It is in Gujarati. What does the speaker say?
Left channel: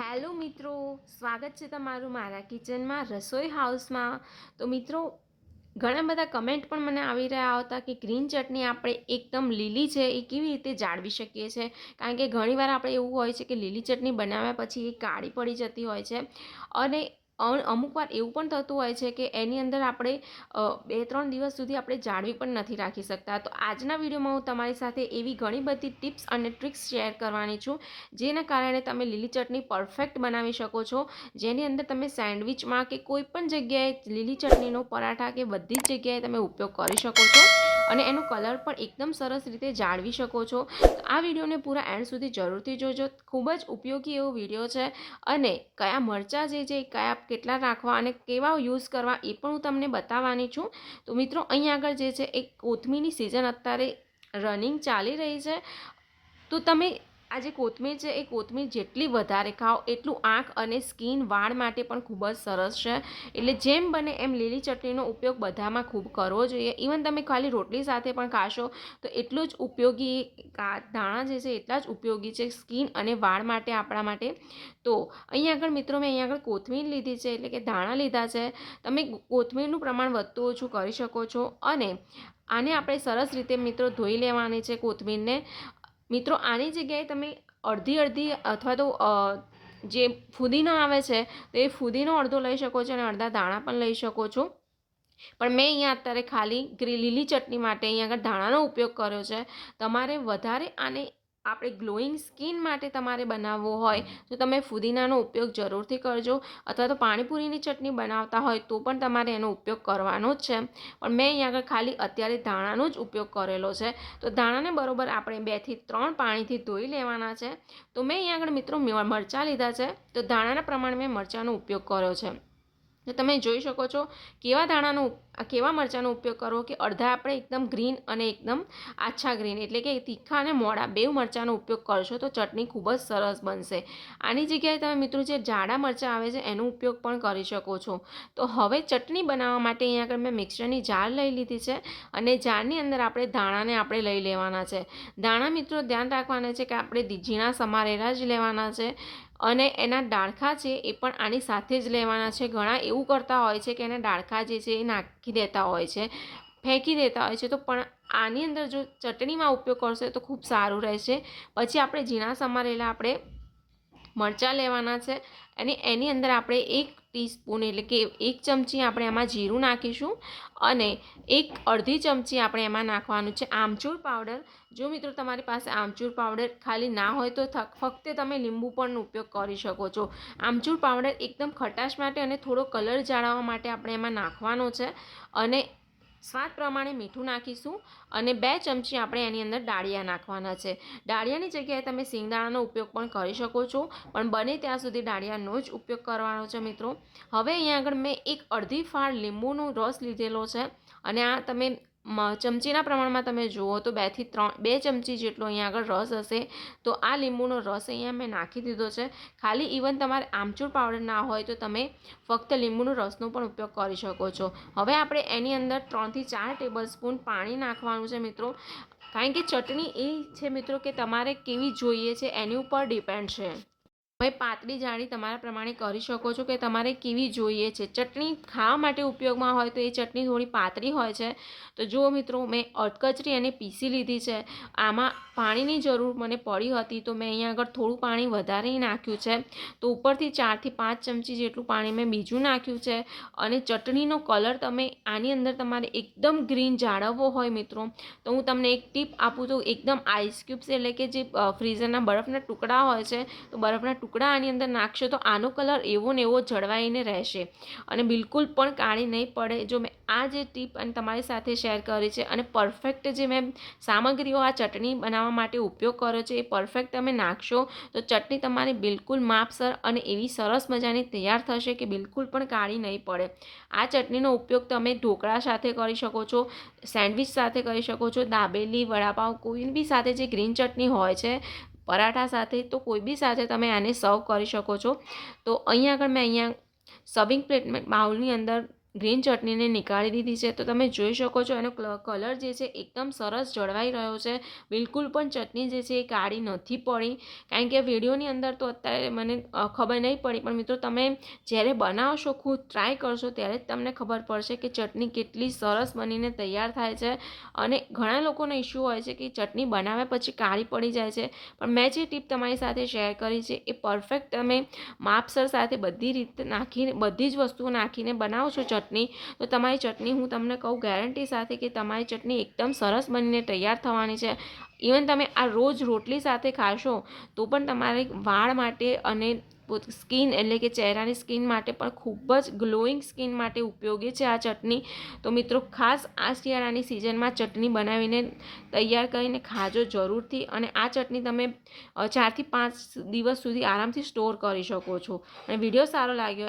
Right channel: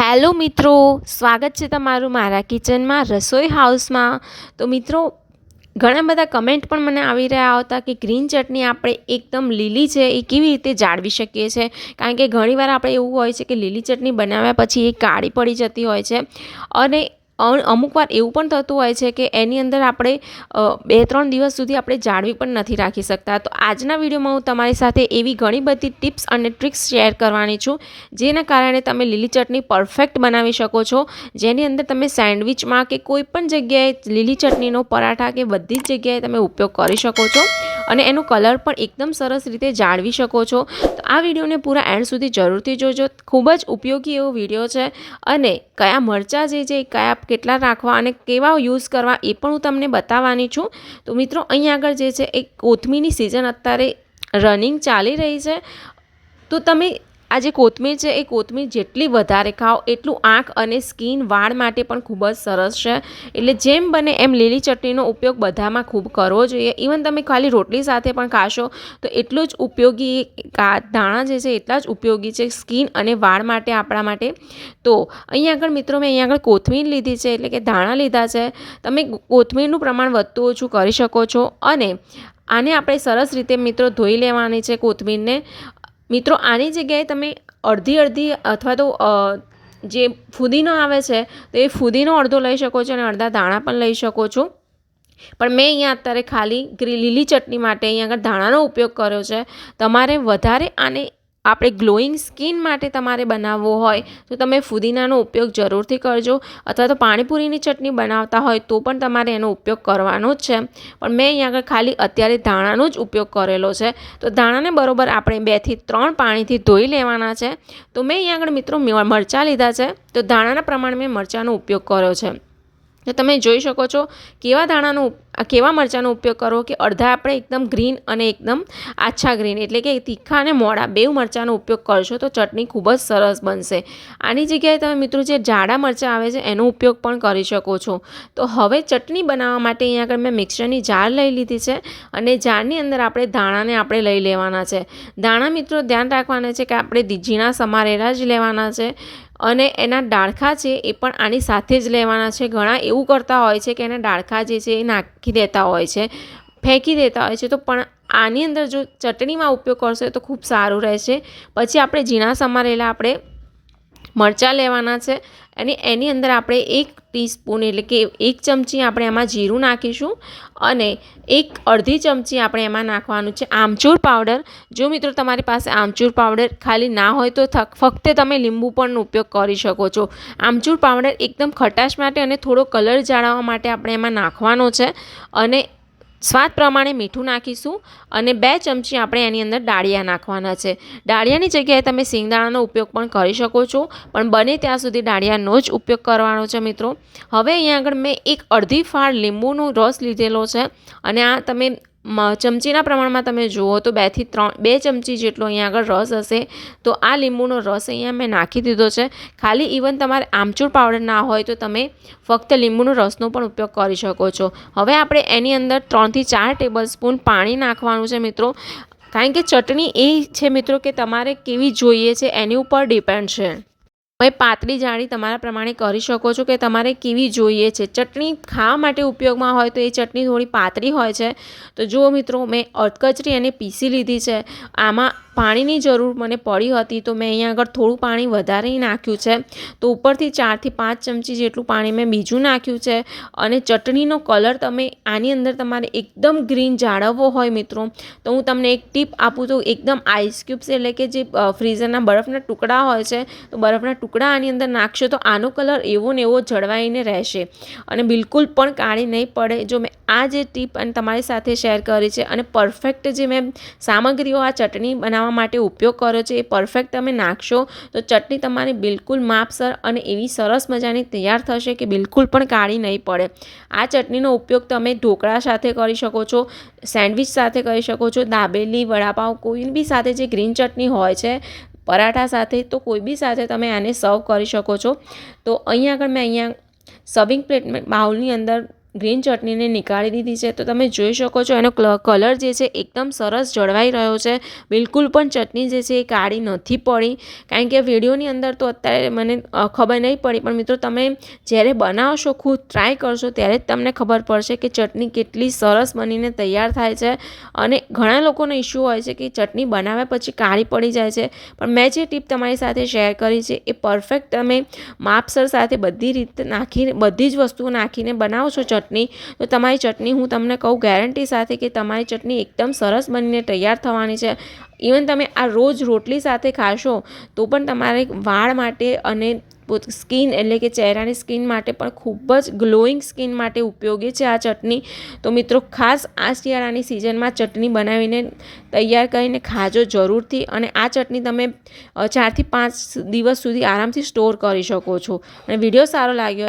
હેલો મિત્રો, સ્વાગત છે તમારું મારા કિચનમાં રસોઈ હાઉસમાં. તો મિત્રો, ઘણા બધા કમેન્ટ પણ મને આવી રહ્યા હતા કે ગ્રીન ચટણી આપણે એકદમ લીલી છે, એ કેવી રીતે જાળવી શકીએ છીએ કારણ કે ઘણીવાર આપણે એવું હોય છે કે લીલી ચટણી બનાવ્યા પછી એ કાળી પડી જતી હોય છે. અને અમુક વાર એવું પણ થતું હોય છે કે એની અંદર આપણે બે ત્રણ દિવસ સુધી આપણે જાળવી પણ નથી રાખી શકતા. તો આજના વિડીયોમાં હું તમારી સાથે એવી ઘણી બધી ટિપ્સ અને ટ્રિક્સ શેર કરવાની છું, જેના કારણે તમે લીલી ચટણી પરફેક્ટ બનાવી શકો છો. જેની અંદર તમે સેન્ડવિચમાં કે કોઈ પણ જગ્યાએ લીલી ચટણીનો પરાઠા કે બધી જ જગ્યાએ તમે ઉપયોગ કરી શકો છો. અને એનો કલર પણ એકદમ સરસ રીતે જાળવી શકો છો. તો આ વિડીયોને પૂરા એન્ડ સુધી જરૂરથી જોજો. ખૂબ જ ઉપયોગી એવો વીડિયો છે અને કયા મરચાં જે છે, કયા કેટલા રાખવા અને કેવા યુઝ કરવા એ પણ હું તમને બતાવવાની છું. તો મિત્રો અહીં આગળ જે છે, એ કોથમીની સિઝન અત્યારે રનિંગ ચાલી રહી છે. તો તમે આ જે કોથમીર છે, એ કોથમીર જેટલી વધારે ખાઓ, એટલું આંખ અને સ્કિન વાળ માટે પણ ખૂબ જ સરસ છે. એટલે જેમ બને એમ લીલી ચટણીનો ઉપયોગ બધામાં ખૂબ કરવો જોઈએ. ઇવન તમે ખાલી રોટલી સાથે પણ ખાશો, તો એટલું જ ઉપયોગી દાણા જે છે, એટલા જ ઉપયોગી છે સ્કિન અને વાળ માટે, આપણા માટે. તો અહીંયા આગળ મિત્રો, મેં અહીંયા આગળ કોથમીર લીધી છે, એટલે કે દાણા લીધા છે. તમે કોથમીરનું પ્રમાણ વધતું ઓછું કરી શકો છો અને આને આપણે સરસ રીતે મિત્રો ધોઈ લેવાની છે કોથમીરને. મિત્રો, આની જગ્યાએ તમે અડધી અડધી અથવા તો જે ફુદીનો આવે છે, તો એ ફુદીનો અડધો લઈ શકો છો અને અડધા દાણા પણ લઈ શકો છો. પણ મેં અહીંયા અત્યારે ખાલી લીલી ચટણી માટે અહીંયા આગળ ધાણાનો ઉપયોગ કર્યો છે. તમારે વધારે આને આપણે ગ્લોઈંગ સ્કિન માટે તમારે બનાવવો હોય, તો તમે ફુદીનાનો ઉપયોગ જરૂરથી કરજો. અથવા તો પાણીપુરીની ચટણી બનાવતા હોય, તો પણ તમારે એનો ઉપયોગ કરવાનો જ છે. પણ મેં અહીંયા આગળ ખાલી અત્યારે ધાણાનો જ ઉપયોગ કરેલો છે. તો ધાણાને બરોબર આપણે બેથી ત્રણ પાણીથી ધોઈ લેવાના છે. તો મેં અહીંયા આગળ મિત્રો મરચાં લીધા છે. તો ધાણાના પ્રમાણે મેં મરચાંનો ઉપયોગ કર્યો છે. તો તમે જોઈ શકો છો કેવા ધાણાનો કેવા મરચાંનો ઉપયોગ કરવો કે અડધા આપણે એકદમ ગ્રીન અને એકદમ આછા ગ્રીન, એટલે કે તીખા અને મોડા બેવ મરચાંનો ઉપયોગ કરશો તો ચટણી ખૂબ જ સરસ બનશે. આની જગ્યાએ તમે મિત્રો જે જાડા મરચાં આવે છે એનો ઉપયોગ પણ કરી શકો છો. તો હવે ચટણી બનાવવા માટે અહીંયા આગળ મેં મિક્સરની જાર લઈ લીધી છે અને જારની અંદર આપણે ધાણાને આપણે લઈ લેવાના છે. ધાણા મિત્રો ધ્યાન રાખવાના છે કે આપણે ઝીણા સમારેલા જ લેવાના છે. અને એના ડાળખા છે એ પણ આની સાથે જ લેવાના છે. ઘણા એવું કરતા હોય છે કે એના ડાળખા જે છે એ નાખી દેતા હોય છે, ફેંકી દેતા હોય છે. તો પણ આની અંદર જો ચટણીમાં ઉપયોગ કરશો તો ખૂબ સારું રહેશે. પછી આપણે ઝીણા સમારેલા આપણે મરચાં લેવાના છે. અને એની અંદર આપણે એક ટીસ્પૂન એટલે કે એક ચમચી આપણે એમાં જીરું નાખીશું અને એક અડધી ચમચી આપણે એમાં નાખવાનું છે આમચૂર પાવડર. જો મિત્રો તમારી પાસે આમચૂર પાવડર ખાલી ના હોય તો ફક્ત તમે લીંબુ પણ ઉપયોગ કરી શકો છો. આમચૂર પાવડર એકદમ ખટાશ માટે અને થોડો કલર જાળવવા માટે આપણે એમાં નાખવાનો છે. અને સ્વાદ પ્રમાણે મીઠું નાખીશું અને બે ચમચી આપણે એની અંદર ડાળિયા નાખવાના છે. ડાળિયાની જગ્યાએ તમે સિંગદાણાનો ઉપયોગ પણ કરી શકો છો, પણ બને ત્યાં સુધી ડાળિયાનો જ ઉપયોગ કરવાનો છે મિત્રો. હવે અહીંયા આગળ મેં એક અડધી ફાળ લીંબુનો રસ લીધેલો છે અને આ તમે ચમચીના પ્રમાણમાં તમે જુઓ તો બેથી ત્રણ, બે ચમચી જેટલો અહીંયા આગળ રસ હશે. તો આ લીંબુનો રસ અહીંયા મેં નાખી દીધો છે. ખાલી ઇવન તમારે આમચૂર પાવડર ના હોય તો તમે ફક્ત લીંબુનો રસનો પણ ઉપયોગ કરી શકો છો. હવે આપણે એની અંદર ત્રણથી ચાર ટેબલ સ્પૂન પાણી નાખવાનું છે મિત્રો. કારણ કે ચટણી એ છે મિત્રો કે તમારે કેવી જોઈએ છે એની ઉપર ડિપેન્ડ છે. હવે પાતળી જાળી તમારા પ્રમાણે કરી શકો છો કે તમારે કેવી જોઈએ છે. ચટણી ખાવા માટે ઉપયોગમાં હોય તો એ ચટણી થોડી પાતળી હોય છે. તો જુઓ મિત્રો, મેં અડકચરી એને પીસી લીધી છે. આમાં પાણીની જરૂર મને પડી હતી તો મેં અહીંયા આગળ થોડું પાણી વધારે નાખ્યું છે. તો ઉપરથી ચારથી પાંચ ચમચી જેટલું પાણી મેં બીજું નાખ્યું છે. અને ચટણીનો કલર તમે આની અંદર તમારે એકદમ ગ્રીન જાળવવો હોય મિત્રો. તો હું તમને એક ટીપ આપું તો એકદમ આઈસ ક્યુબ્સ એટલે કે જે ફ્રીઝરના બરફના ટુકડા હોય છે, તો બરફના ટુકડા આની અંદર નાખશો તો આનો કલર એવો ને એવો જળવાઈને રહેશે. અને બિલકુલ પણ કાળી નહીં પડે. જો મેં આ જે ટીપ અને તમારી સાથે શેર કરી છે અને પરફેક્ટ જે મેં સામગ્રીઓ આ ચટણી બનાવવા માટે ઉપયોગ કર્યો છે એ પરફેક્ટ તમે નાખશો તો ચટણી તમારી બિલકુલ માપસર અને એવી સરસ મજાની તૈયાર થશે કે બિલકુલ પણ કાળી નહીં પડે. આ ચટણીનો ઉપયોગ તમે ઢોકળા સાથે કરી શકો છો, સેન્ડવિચ સાથે કરી શકો છો, દાબેલી વડાપાઉં કોઈ બી સાથે જે ગ્રીન ચટણી હોય છે પરાઠા સાથે તો કોઈ બી સાથે તમે આને સર્વ કરી શકો છો. તો અહીંયા આગળ મેં અહીંયા સર્વિંગ પ્લેટ બાઉલની અંદર ગ્રીન ચટણીને નીકાળી દીધી છે. તો તમે જોઈ શકો છો એનો કલર જે છે એકદમ સરસ જળવાઈ રહ્યો છે. બિલકુલ પણ ચટણી જે છે એ કાળી નથી પડી. કારણ કે વિડીયોની અંદર તો અત્યારે મને ખબર નહીં પડી, પણ મિત્રો તમે જ્યારે બનાવશો, ખુદ ટ્રાય કરશો, ત્યારે જ તમને ખબર પડશે કે ચટણી કેટલી સરસ બનીને તૈયાર થાય છે. અને ઘણા લોકોનો ઇશ્યુ હોય છે કે ચટણી બનાવ્યા પછી કાળી પડી જાય છે. પણ મેં જે ટીપ તમારી સાથે શેર કરી છે, એ પરફેક્ટ તમે માપસર સાથે બધી રીતે નાખીને, બધી જ વસ્તુઓ નાખીને બનાવો છો ચટણી. તો તમારી ચટણી હું તમને કહું ગેરંટી સાથે કે તમારી ચટણી એકદમ સરસ બનીને તૈયાર થવાની છે. ઇવન તમે આ રોજ રોટલી સાથે ખાશો, તો પણ તમારે વાળ માટે અને સ્કિન એટલે કે ચહેરાની સ્કિન માટે પણ ખૂબ જ ગ્લોઈંગ સ્કિન માટે ઉપયોગી છે આ ચટણી. તો મિત્રો, ખાસ આ શિયાળાની સિઝનમાં ચટણી બનાવીને તૈયાર કરીને ખાજો જરૂરથી અને આ ચટણી તમે ચારથી પાંચ દિવસ સુધી આરામથી સ્ટોર કરી શકો છો. અને વીડિયો સારો લાગ્યો